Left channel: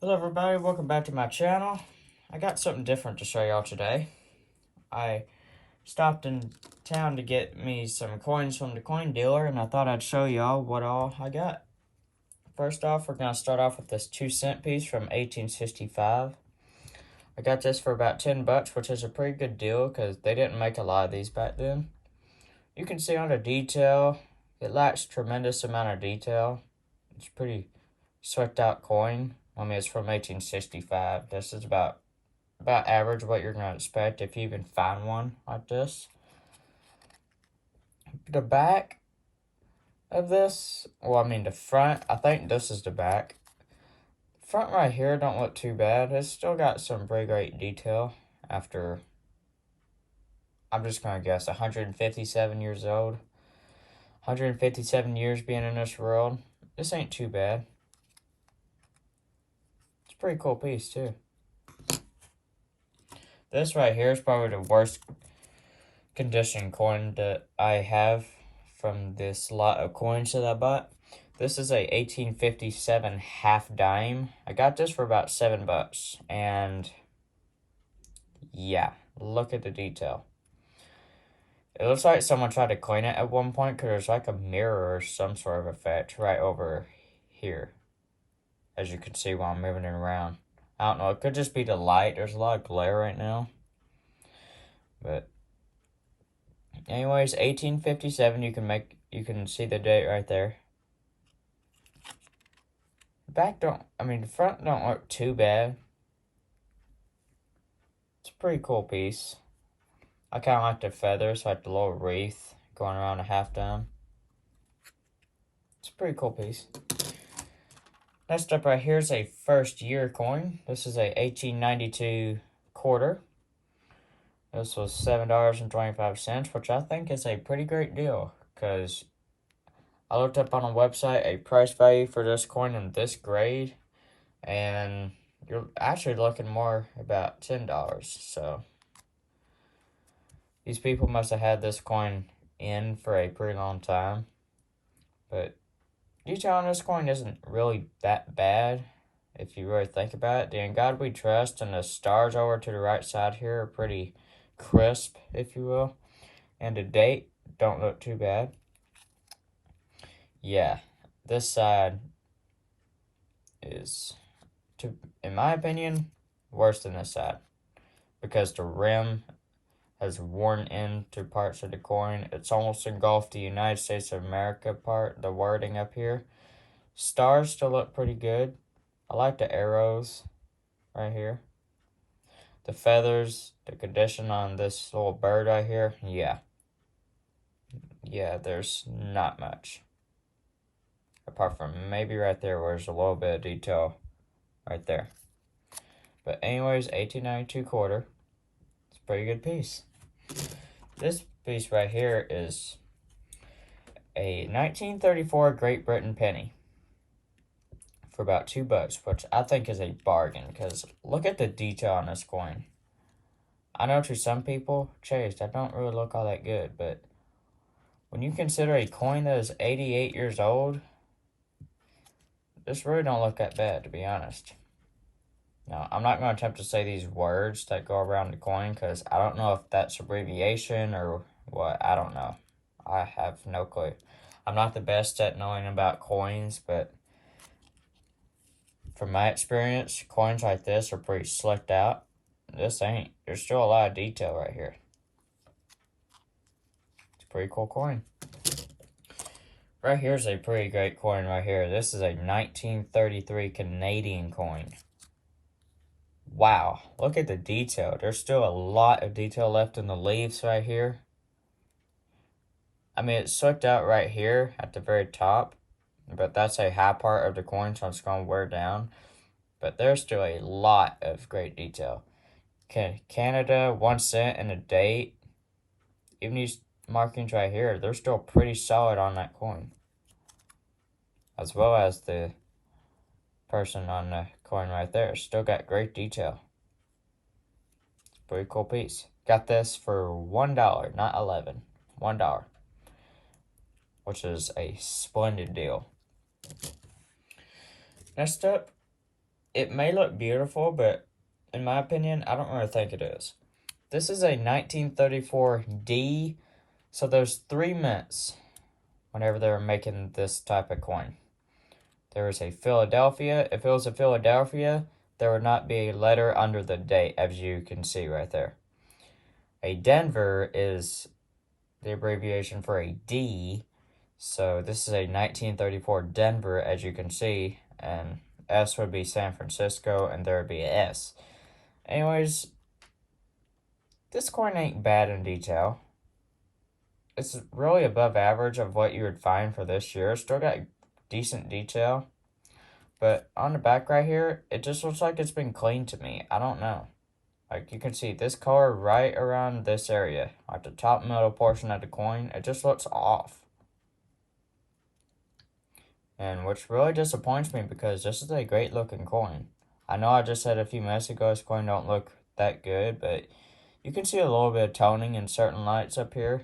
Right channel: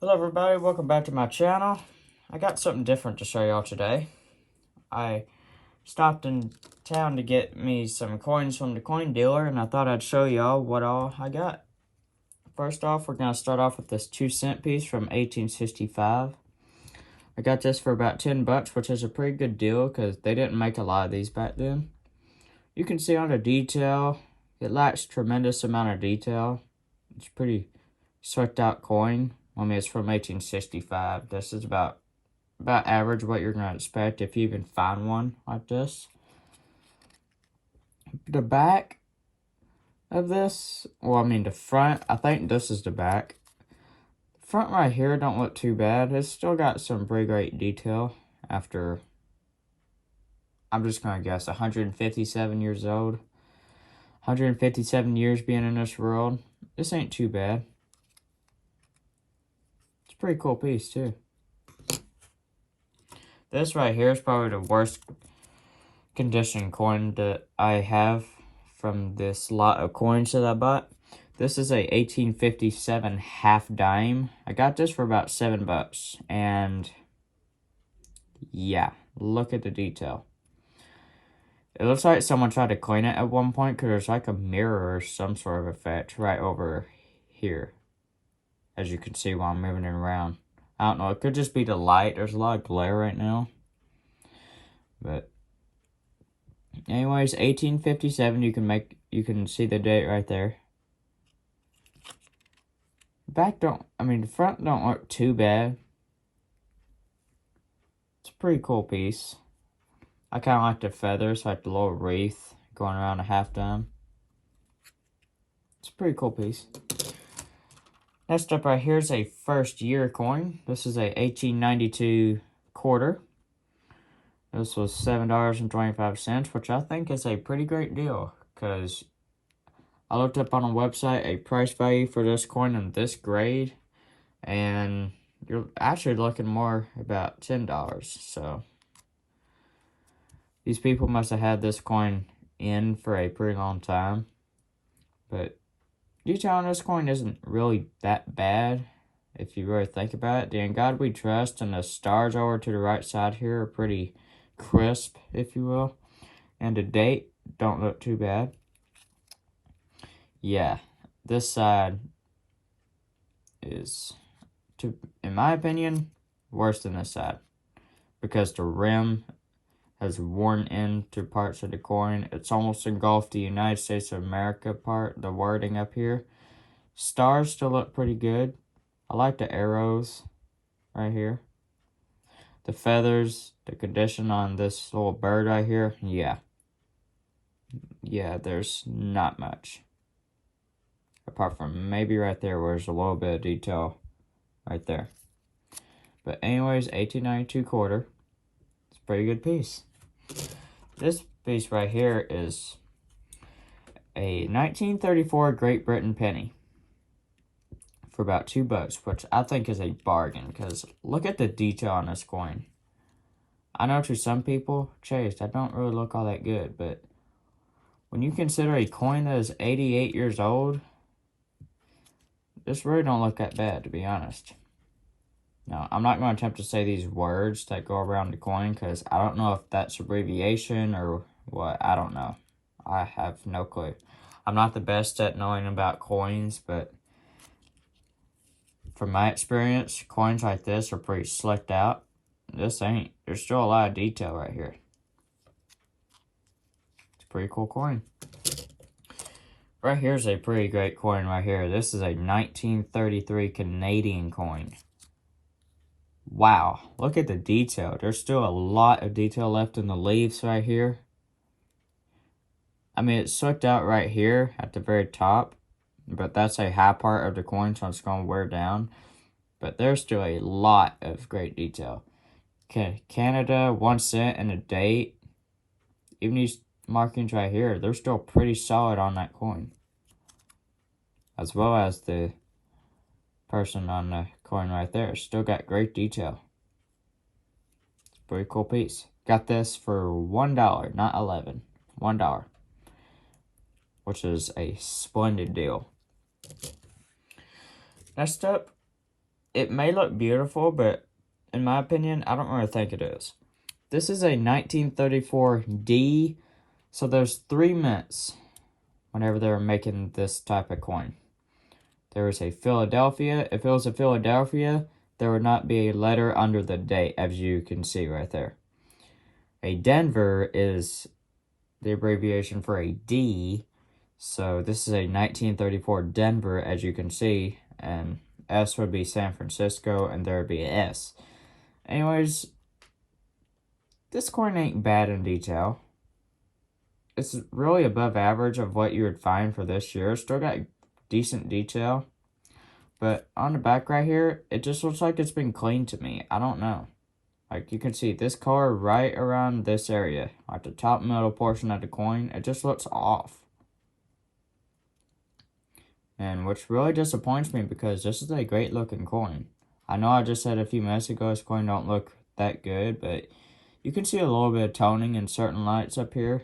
Hello everybody, welcome back to my channel. I got something different to show y'all today. I stopped in town to get me some coins from the coin dealer and I thought I'd show y'all what all I got. First off, we're going to start off with this 2-cent piece from 1865. I got this for about 10 bucks, which is a pretty good deal because they didn't make a lot of these back then. You can see on the detail, it lacks tremendous amount of detail. It's pretty swept out coin. I mean, it's from 1865. This is about average what you're going to expect if you even find one like this. The back of this, well, I mean the front, I think this is the back. Front right here don't look too bad. It's still got some pretty great detail after, I'm just going to guess, 157 years old. 157 years being in this world. This ain't too bad. It's a pretty cool piece too. This right here is probably the worst condition coin that I have from this lot of coins that I bought. This is a 1857 half dime. I got this for about 7 bucks. And yeah, look at the detail. It looks like someone tried to clean it at one point because there's like a mirror or some sort of effect right over here. As you can see while I'm moving it around. I don't know, it could just be the light. There's a lot of glare right now. But anyways, 1857, you can see the date right there. The front don't look too bad. It's a pretty cool piece. I kind of like the feathers, like the little wreath going around a half dime. It's a pretty cool piece. Next up right here is a first year coin. This is a 1892 quarter. This was $7.25, which I think is a pretty great deal because I looked up on a website a price value for this coin in this grade, and you're actually looking more about $10. So these people must have had this coin in for a pretty long time. But detail on this coin isn't really that bad if you really think about it. The In God We Trust and the stars over to the right side here are pretty crisp, if you will. And the date don't look too bad. Yeah, this side is, in my opinion, worse than this side. Because the rim has worn into parts of the coin. It's almost engulfed the United States of America part, the wording up here. Stars still look pretty good. I like the arrows right here. The feathers, the condition on this little bird right here, yeah. Yeah, there's not much. Apart from maybe right there where there's a little bit of detail right there. But anyways, 1892 quarter. It's a pretty good piece. This piece right here is a 1934 Great Britain penny for about 2 bucks, which I think is a bargain because look at the detail on this coin. I know to some people, Chase, that don't really look all that good, but when you consider a coin that is 88 years old, this really don't look that bad, to be honest. Now, I'm not going to attempt to say these words that go around the coin because I don't know if that's abbreviation or what. I don't know. I have no clue. I'm not the best at knowing about coins, but from my experience, coins like this are pretty slicked out. This ain't. There's still a lot of detail right here. It's a pretty cool coin. Right here's a pretty great coin right here. This is a 1933 Canadian coin. Wow, look at the detail. There's still a lot of detail left in the leaves right here. I mean, it's slicked out right here at the very top, but that's a high part of the coin, so it's going to wear down. But there's still a lot of great detail. Canada, 1 cent, and a date. Even these markings right here, they're still pretty solid on that coin. As well as the person on the coin right there. Still got great detail. It's a pretty cool piece. Got this for $1, not $11. $1. Which is a splendid deal. Next up it may look beautiful, but in my opinion, I don't really think it is. This is a 1934 D, so there's 3 mints whenever they were making this type of coin. There is a Philadelphia. If it was a Philadelphia, there would not be a letter under the date, as you can see right there. A Denver is the abbreviation for a D, so this is a 1934 Denver, as you can see, and S would be San Francisco, and there would be a S. Anyways, this coin ain't bad in detail. It's really above average of what you would find for this year. Still got decent detail. But on the back right here, it just looks like it's been cleaned to me. I don't know. Like, you can see this color right around this area. Like the top middle portion of the coin, it just looks off. And which really disappoints me because this is a great looking coin. I know I just said a few minutes ago this coin don't look that good, but you can see a little bit of toning in certain lights up here.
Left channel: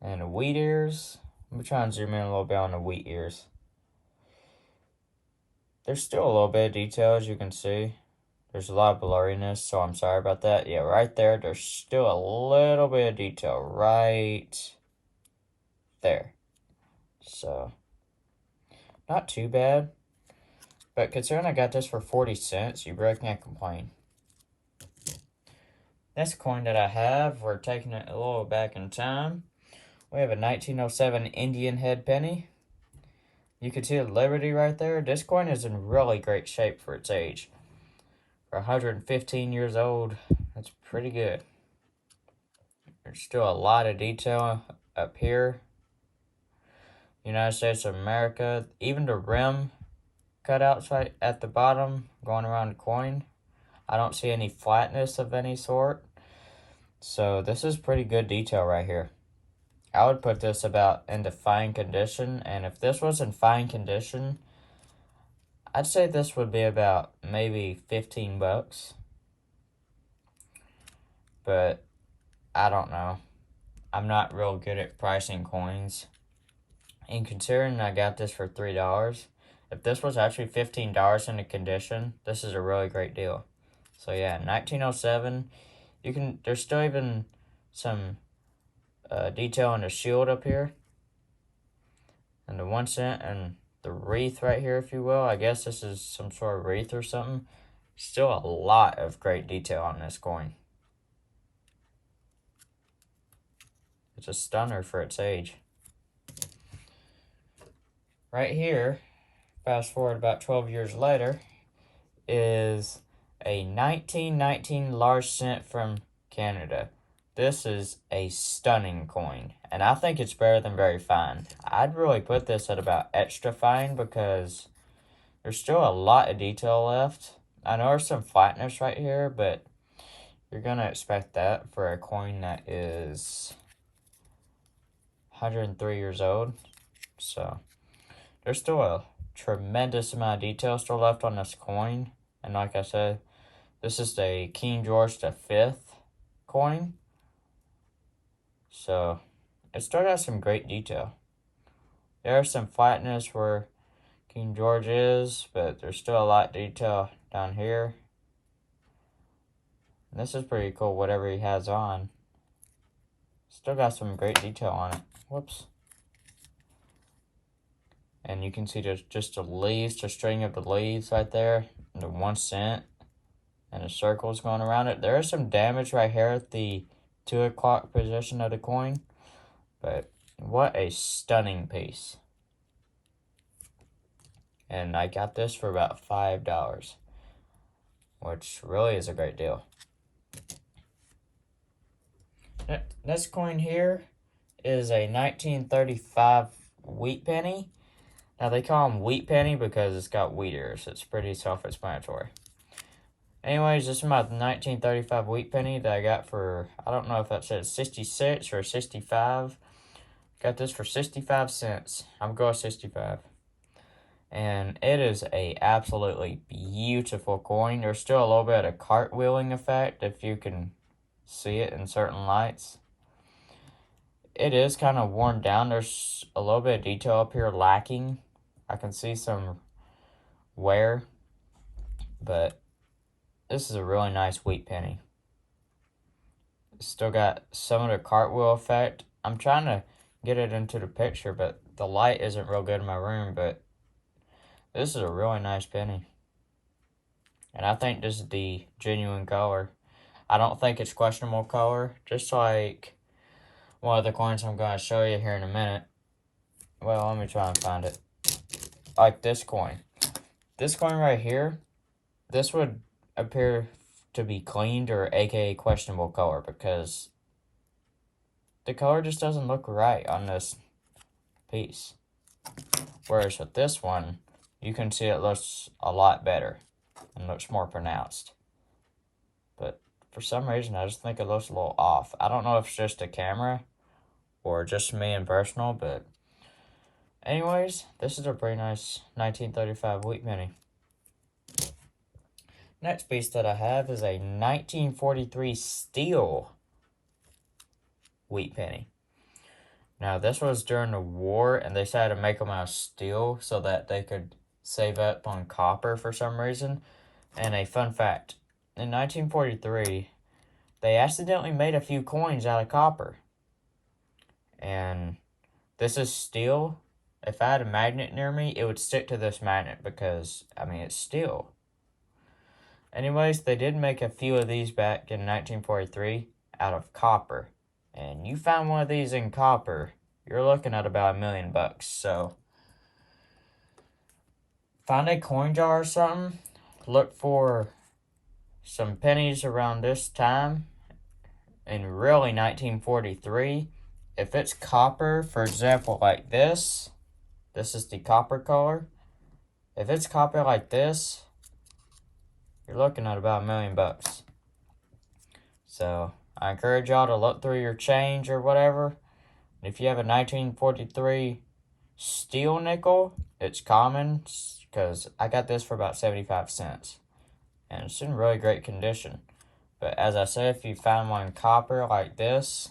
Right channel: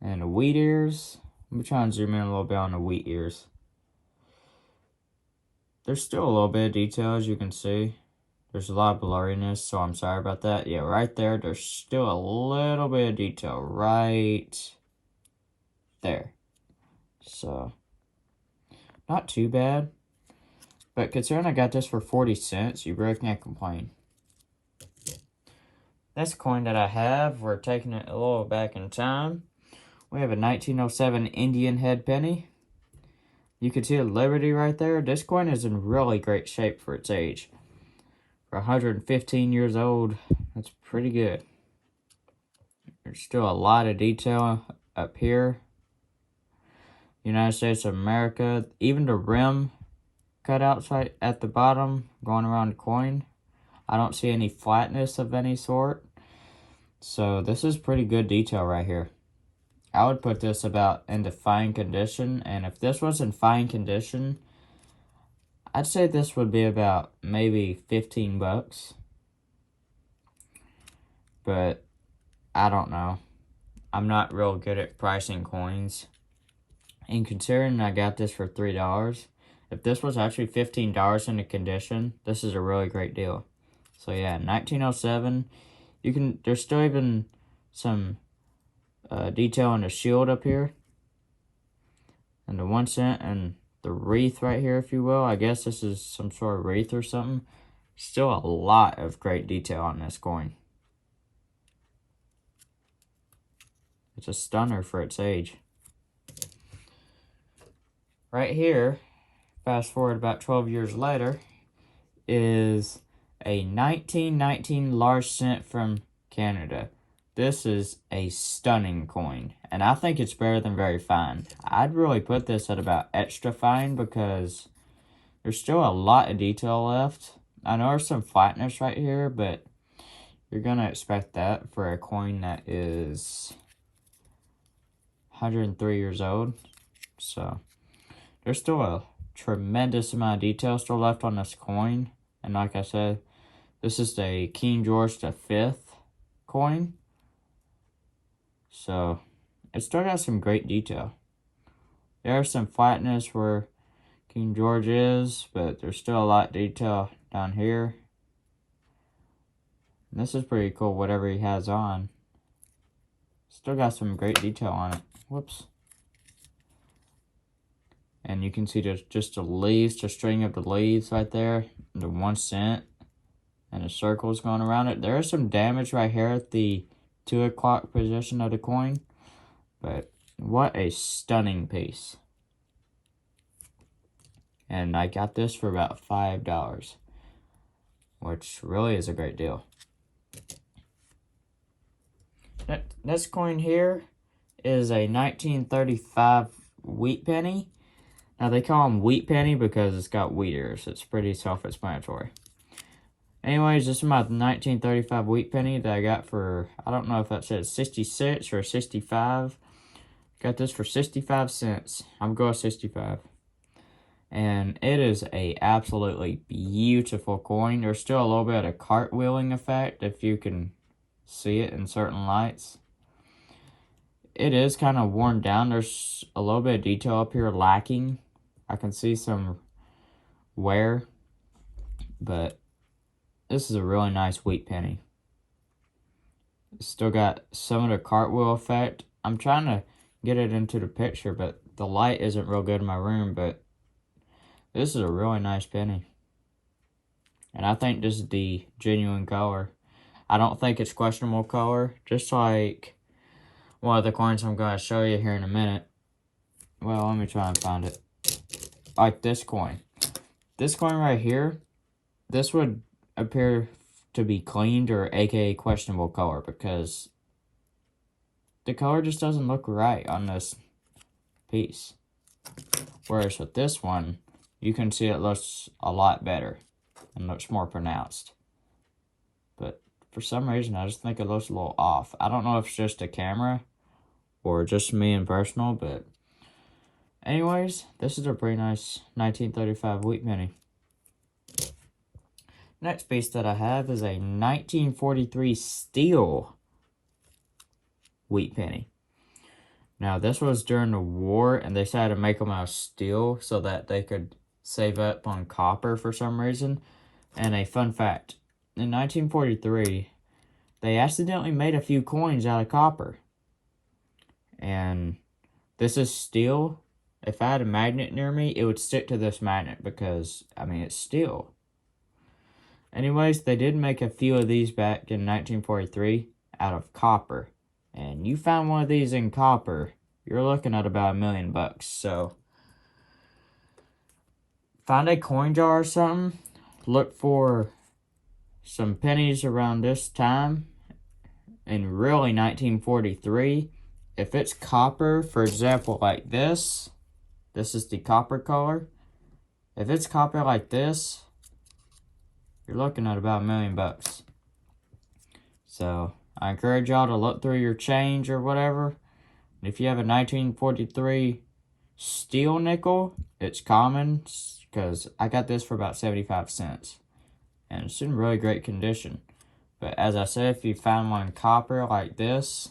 And the wheat ears. Let me try and zoom in a little bit on the wheat ears. There's still a little bit of detail, as you can see. There's a lot of blurriness, so I'm sorry about that. Yeah, right there, there's still a little bit of detail right there. So, not too bad. But considering I got this for 40 cents, you really can't complain. This coin that I have, we're taking it a little back in time. We have a 1907 Indian head penny. You can see the Liberty right there. This coin is in really great shape for its age. For 115 years old, that's pretty good. There's still a lot of detail up here. United States of America. Even the rim cutouts right at the bottom going around the coin. I don't see any flatness of any sort. So this is pretty good detail right here. I would put this about into fine condition, and if this was in fine condition, I'd say this would be about maybe 15 bucks. But I don't know. I'm not real good at pricing coins. And considering I got this for $3, if this was actually $15 in the condition, this is a really great deal. So yeah, 1907. There's still even some detail on the shield up here. And the 1 cent and the wreath right here, if you will. I guess this is some sort of wreath or something. Still a lot of great detail on this coin. It's a stunner for its age. Right here, fast forward about 12 years later, is a 1919 large cent from Canada. This is a stunning coin, and I think it's better than very fine. I'd really put this at about extra fine because there's still a lot of detail left. I know there's some flatness right here, but you're going to expect that for a coin that is 103 years old. So there's still a tremendous amount of detail still left on this coin. And like I said, this is the King George V coin. So it still got some great detail. There's some flatness where King George is, but there's still a lot of detail down here. And this is pretty cool, whatever he has on. Still got some great detail on it. Whoops. And you can see just the leaves, the string of the leaves right there. And the 1 cent. And the circles going around it. There is some damage right here at the 2 o'clock position of the coin. But what a stunning piece. And I got this for about $5. Which really is a great deal. This coin here is a 1935 wheat penny. Now they call them wheat penny because it's got wheat ears. It's pretty self-explanatory. Anyways, this is my 1935 wheat penny that I got for, I don't know if that says 66 or 65. Got this for 65 cents. I'm going 65. And it is a absolutely beautiful coin. There's still a little bit of cartwheeling effect if you can see it in certain lights. It is kind of worn down. There's a little bit of detail up here lacking. I can see some wear, but this is a really nice wheat penny. It's still got some of the cartwheel effect. I'm trying to get it into the picture, but the light isn't real good in my room, but this is a really nice penny. And I think this is the genuine color. I don't think it's questionable color, just like one of the coins I'm going to show you here in a minute. Well, let me try and find it. Like this coin. This coin right here, this would appear to be cleaned or aka questionable color because the color just doesn't look right on this piece. Whereas with this one, you can see it looks a lot better and looks more pronounced. But for some reason, I just think it looks a little off. I don't know if it's just a camera or just me in personal, but anyways, this is a pretty nice 1935 wheat penny. Next piece that I have is a 1943 steel wheat penny. Now, this was during the war, and they decided to make them out of steel so that they could save up on copper for some reason. And a fun fact, in 1943, they accidentally made a few coins out of copper. And this is steel. If I had a magnet near me, it would stick to this magnet because, I mean, it's steel. Anyways, they did make a few of these back in 1943 out of copper. And you found one of these in copper, you're looking at about $1 million. So, find a coin jar or something. Look for some pennies around this time. In really 1943. If it's copper, for example, like this is the copper color. If it's copper like this, you're looking at about $1 million. So, I encourage y'all to look through your change or whatever. If you have a 1943 steel nickel, it's common because I got this for about 75 cents. And it's in really great condition. But as I said, if you find one in copper like this,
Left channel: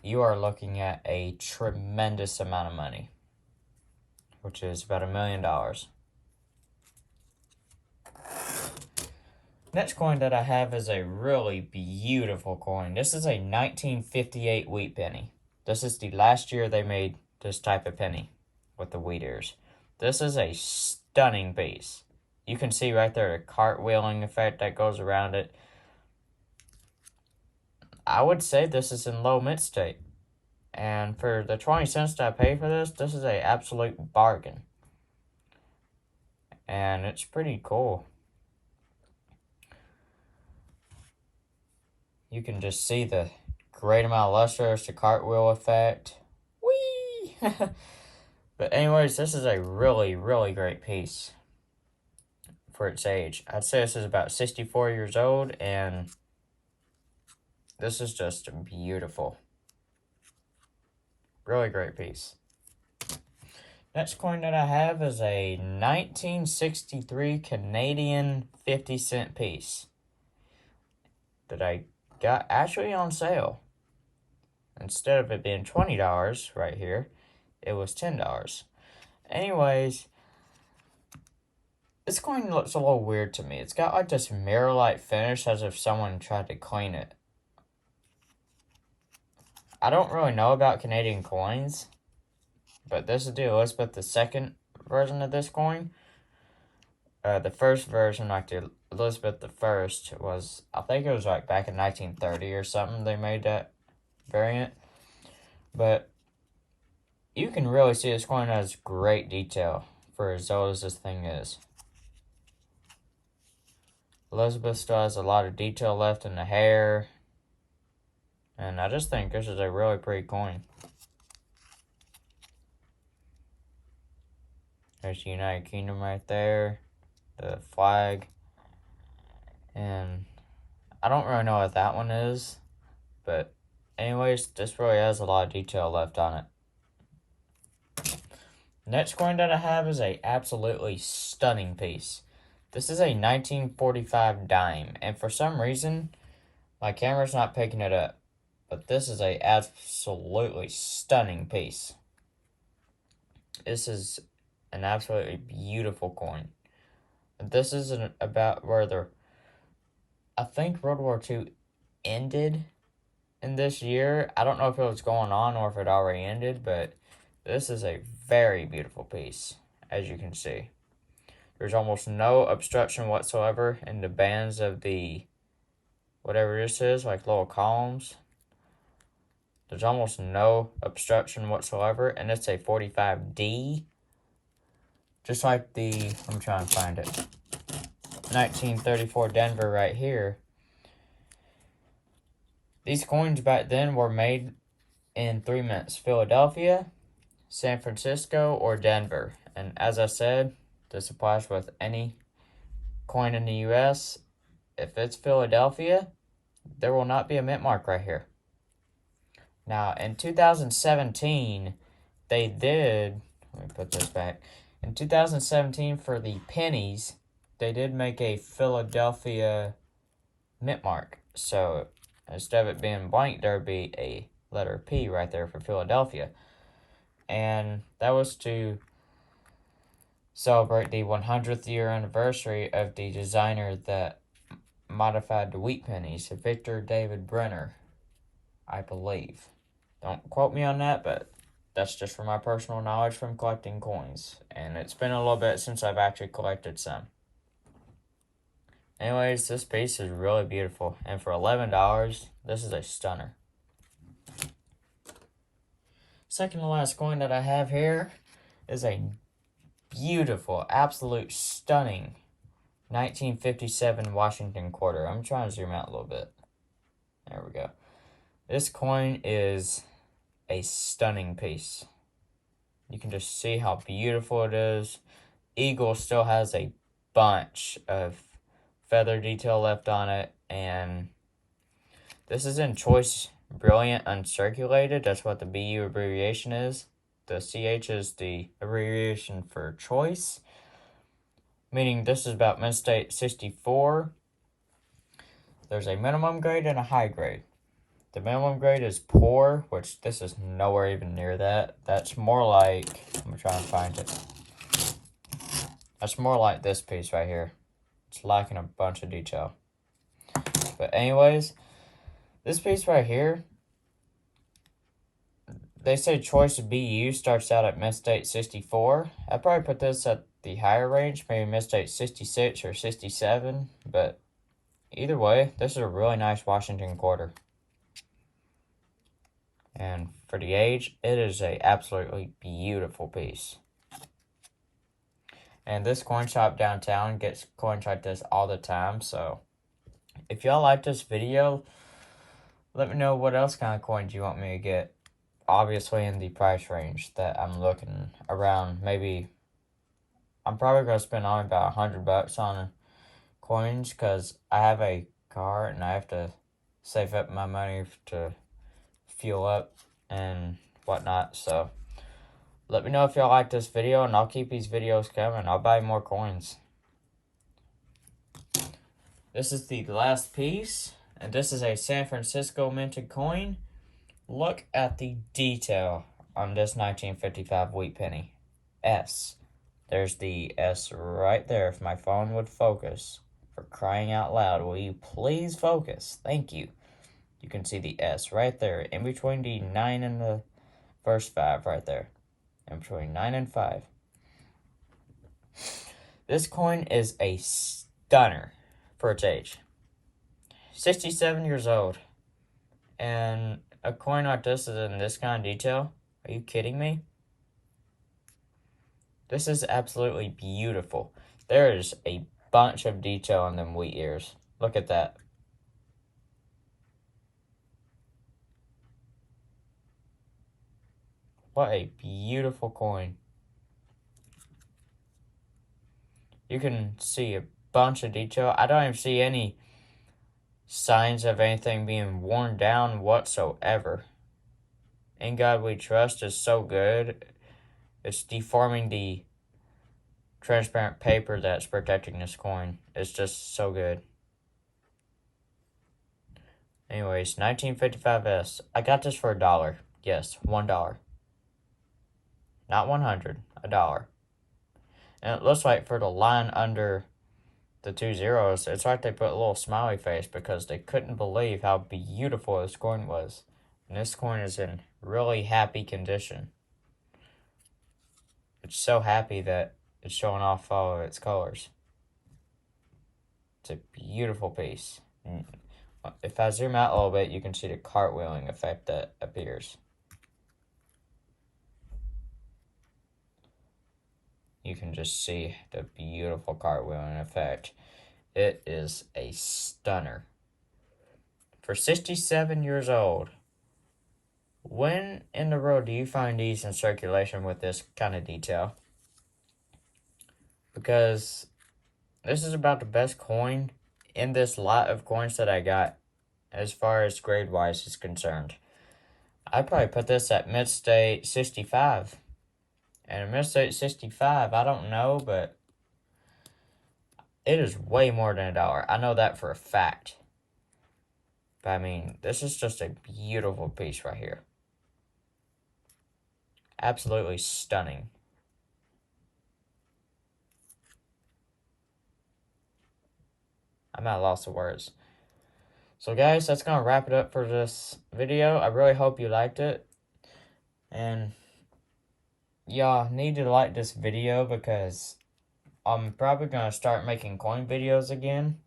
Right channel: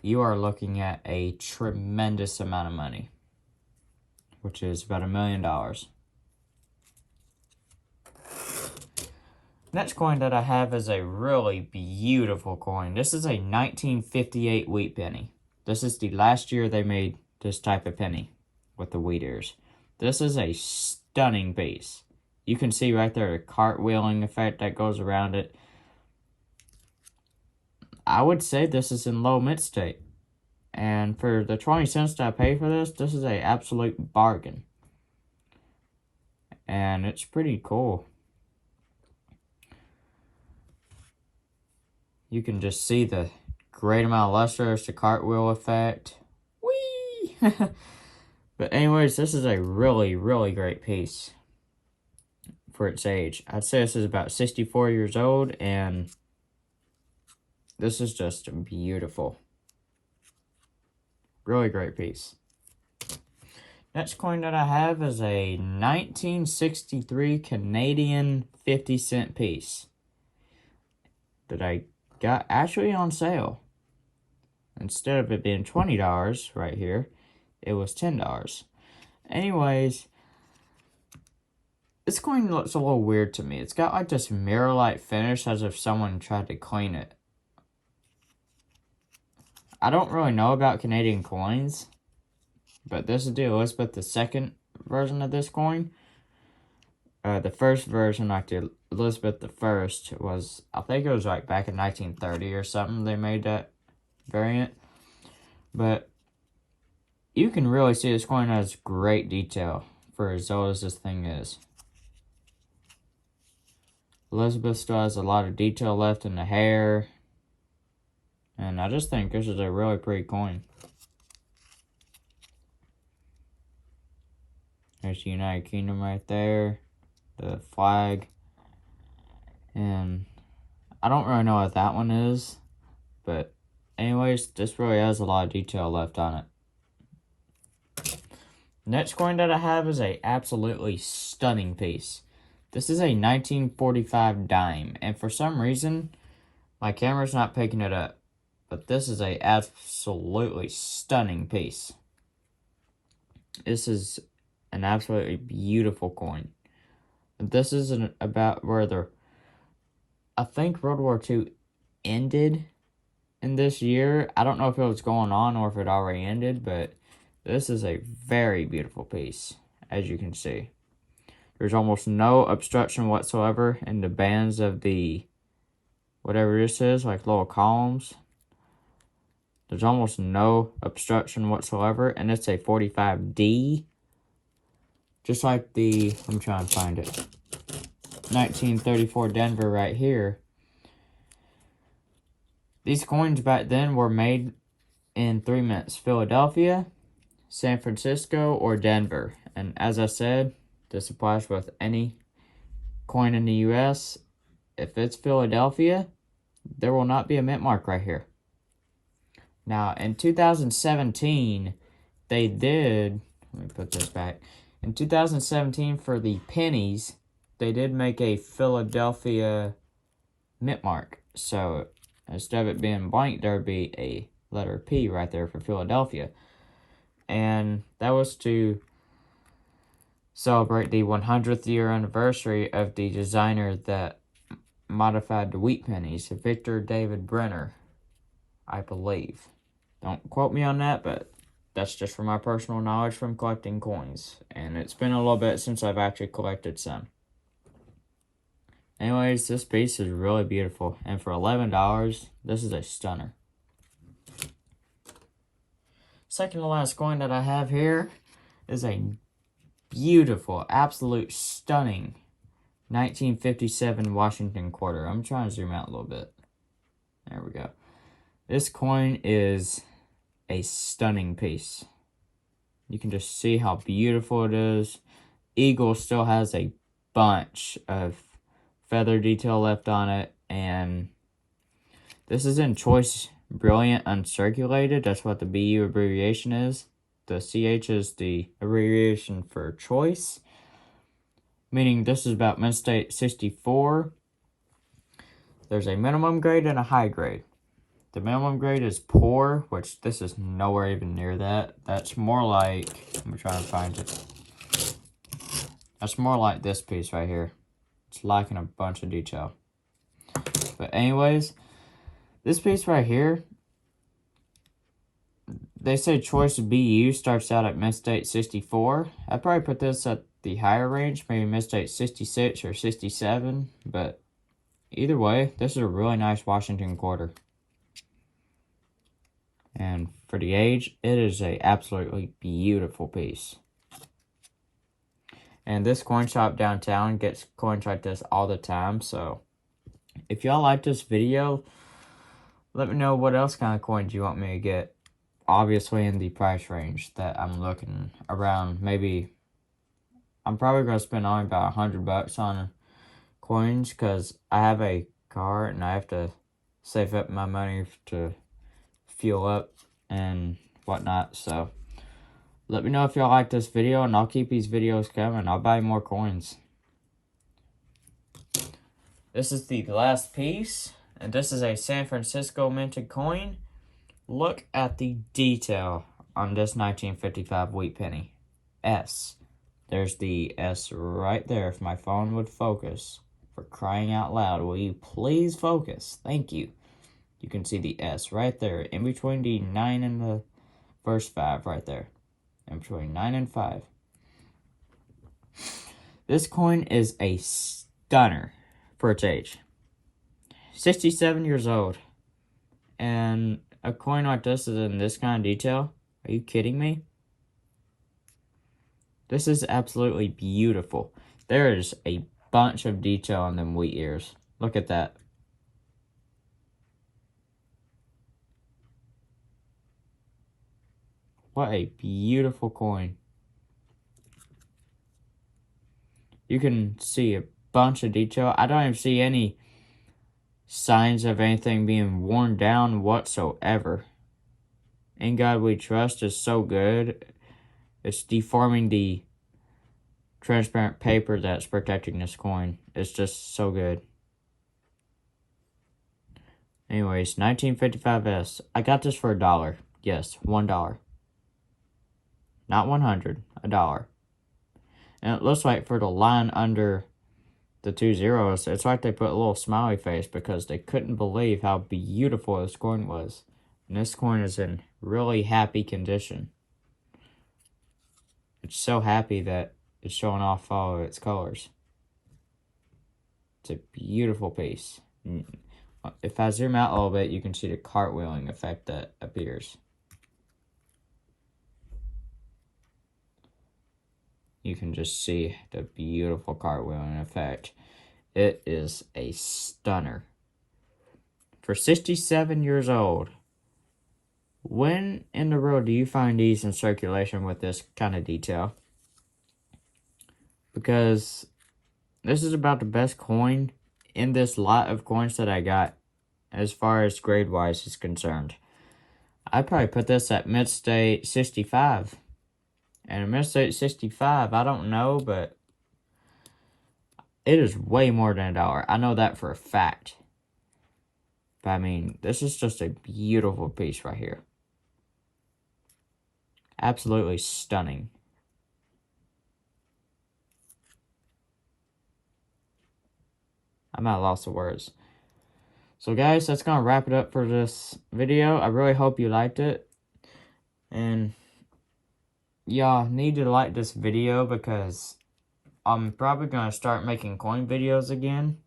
you are looking at a tremendous amount of money, which is about $1 million. Next coin that I have is a really beautiful coin. This is a 1958 wheat penny. This is the last year they made this type of penny with the wheat ears. This is a stunning piece. You can see right there the cartwheeling effect that goes around it. I would say this is in low mid state. And for the 20 cents that I paid for this is an absolute bargain. And it's pretty cool. You can just see the great amount of luster, the cartwheel effect. Whee! But anyways, this is a really, really great piece for its age. I'd say this is about 64 years old, and this is just beautiful. Really great piece. Next coin that I have is a 1963 Canadian 50-cent piece that I got actually on sale. Instead of it being $20 right here, it was $10. Anyways, this coin looks a little weird to me. It's got like this mirror-like finish as if someone tried to clean it. I don't really know about Canadian coins, but this is the Elizabeth II version of this coin. The first version, like the Elizabeth I, was, I think it was like back in 1930 or something they made that variant. But you can really see this coin has great detail for as old as this thing is. Elizabeth still has a lot of detail left in the hair. And I just think this is a really pretty coin. There's the United Kingdom right there. The flag. And I don't really know what that one is. But anyways, this really has a lot of detail left on it. Next coin that I have is a absolutely stunning piece. This is a 1945 dime. And for some reason, my camera's not picking it up. But this is a absolutely stunning piece. This is an absolutely beautiful coin. This is about where I think World War II ended in this year. I don't know if it was going on or if it already ended, but this is a very beautiful piece, as you can see. There's almost no obstruction whatsoever in the bands of the, whatever this is, like little columns. There's almost no obstruction whatsoever, and it's a 45D. Just like the, I'm trying to find it, 1934 Denver right here. These coins back then were made in 3 mints: Philadelphia, San Francisco, or Denver. And as I said, this applies with any coin in the US. If it's Philadelphia, there will not be a mint mark right here. Now, in 2017, they did, let me put this back. In 2017, for the pennies, they did make a Philadelphia mint mark. So instead of it being blank, there would be a letter P right there for Philadelphia. And that was to celebrate the 100th year anniversary of the designer that modified the wheat pennies, Victor David Brenner, I believe. Don't quote me on that, but that's just from my personal knowledge from collecting coins. And it's been a little bit since I've actually collected some. Anyways, this piece is really beautiful. And for $11, this is a stunner. Second to last coin that I have here is a beautiful, absolute stunning 1957 Washington quarter. I'm trying to zoom out a little bit. There we go. This coin is a stunning piece. You can just see how beautiful it is. Eagle still has a bunch of feather detail left on it, and this is in choice brilliant uncirculated. That's what the BU abbreviation is. The CH is the abbreviation for choice, meaning this is about mint state 64. There's a minimum grade and a high grade. The minimum grade is poor, which this is nowhere even near that. That's more like, I'm trying to find it. That's more like this piece right here. It's lacking a bunch of detail. But anyways, this piece right here, they say choice BU starts out at mint state 64. I'd probably put this at the higher range, maybe mint state 66 or 67. But either way, this is a really nice Washington quarter. And for the age, it is a absolutely beautiful piece. And this coin shop downtown gets coins like this all the time. So if y'all like this video, let me know what else kind of coins you want me to get. Obviously in the price range that I'm looking around. Maybe I'm probably going to spend only about $100 on coins because I have a car and I have to save up my money to fuel up and whatnot. So let me know if y'all like this video, and I'll keep these videos coming. I'll buy more coins. This is the last piece, and this is a San Francisco minted coin. Look at the detail on this 1955 wheat penny. S. There's the S right there. If my phone would focus. For crying out loud, will you please focus? Thank you. You can see the S right there, in between the 9 and the first 5 right there. In between 9 and 5. This coin is a stunner for its age. 67 years old. And a coin like this is in this kind of detail. Are you kidding me? This is absolutely beautiful. There is a bunch of detail on them wheat ears. Look at that. What a beautiful coin. You can see a bunch of detail. I don't even see any signs of anything being worn down whatsoever. In God We Trust is so good. It's deforming the transparent paper that's protecting this coin. It's just so good. Anyways, 1955S. I got this for $1. Yes, $1. Not 100, $1. And it looks like for the line under the 2 zeros, it's like they put a little smiley face because they couldn't believe how beautiful this coin was. And this coin is in really happy condition. It's so happy that it's showing off all of its colors. It's a beautiful piece. If I zoom out a little bit, you can see the cartwheeling effect that appears. You can just see the beautiful cartwheeling effect. It is a stunner. For 67 years old, when in the world do you find these in circulation with this kind of detail? Because this is about the best coin in this lot of coins that I got as far as grade-wise is concerned. I'd probably put this at mid-state 65. And mid-state 65, I don't know, but it is way more than $1. I know that for a fact. But I mean, this is just a beautiful piece right here. Absolutely stunning. I'm at a loss of words. So guys, that's going to wrap it up for this video. I really hope you liked it. And y'all need to like this video because I'm probably going to start making coin videos again.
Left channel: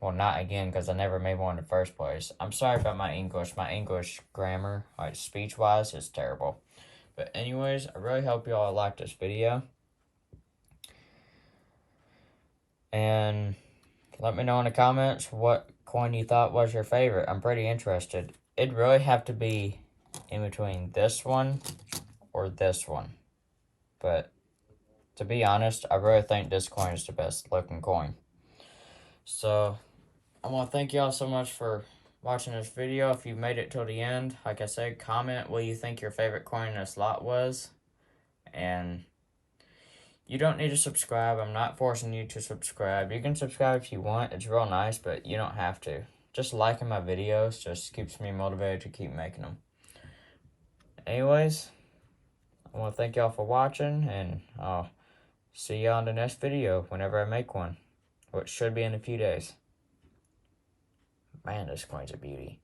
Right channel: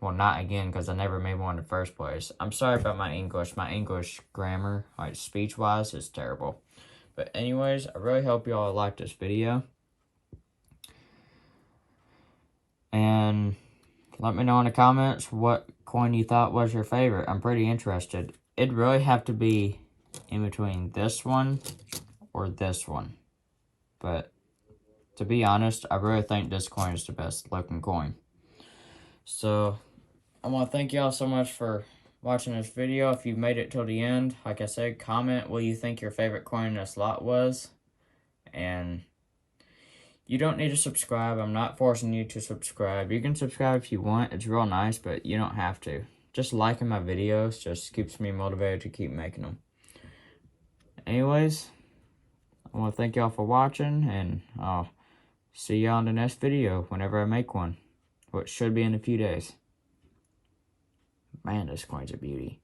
Well, not again because I never made one in the first place. I'm sorry about my English. My English grammar, like speech-wise, is terrible. But anyways, I really hope y'all liked this video. And let me know in the comments what coin you thought was your favorite. I'm pretty interested. It'd really have to be in between this one or this one. But to be honest, I really think this coin is the best looking coin. So I want to thank y'all so much for watching this video. If you made it till the end, like I said, comment what you think your favorite coin in this lot was. And you don't need to subscribe. I'm not forcing you to subscribe. You can subscribe if you want. It's real nice, but you don't have to. Just liking my videos just keeps me motivated to keep making them. Anyways, I want to thank y'all for watching, and I'll see y'all in the next video whenever I make one, which should be in a few days. Man, this coin's a beauty.